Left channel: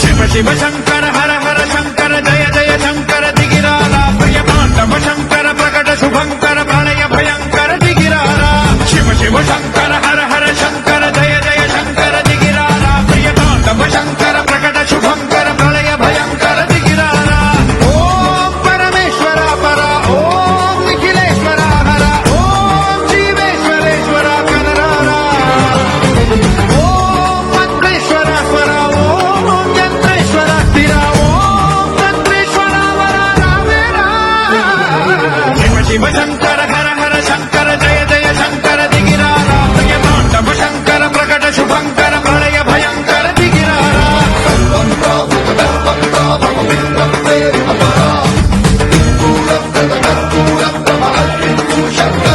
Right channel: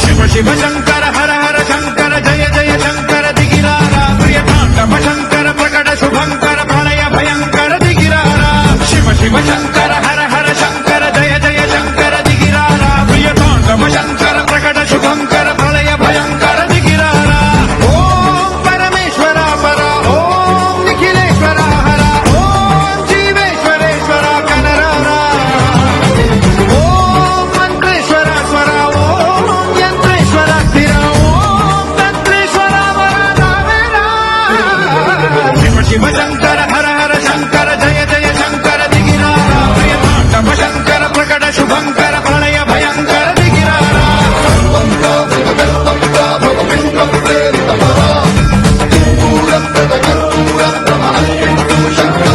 शिव शिव शंकर हर हर शंकर जय जय शंकर दिगिरारा प्रियतांडव शंकर प्रकट शुभंकर प्रणय भयंकर दिगिरारा शिव शिव शंकर हर हर शंकर जय जय शंकर दिगिरारा प्रियतांडव शंकर प्रकट शुभंकर प्रलय भयंकर दिगिरारा ओम परमेश्वरा परा ओम निखिलेश्वरा हरा ओम जीवेश्वरेश्वरा कनरारा ओम मंत्रेश्वरा स्वरा ओम यंत्रेश्वरा स्थिरा ओम तंत्रेश्वरा वरा नामेरा शिव शिव शंकर हर हर शंकर जय जय शंकर दिगिरारा प्रियतांडव शंकर प्रकट शुभंकर प्रलय भयंकर दिगिरारा शंकर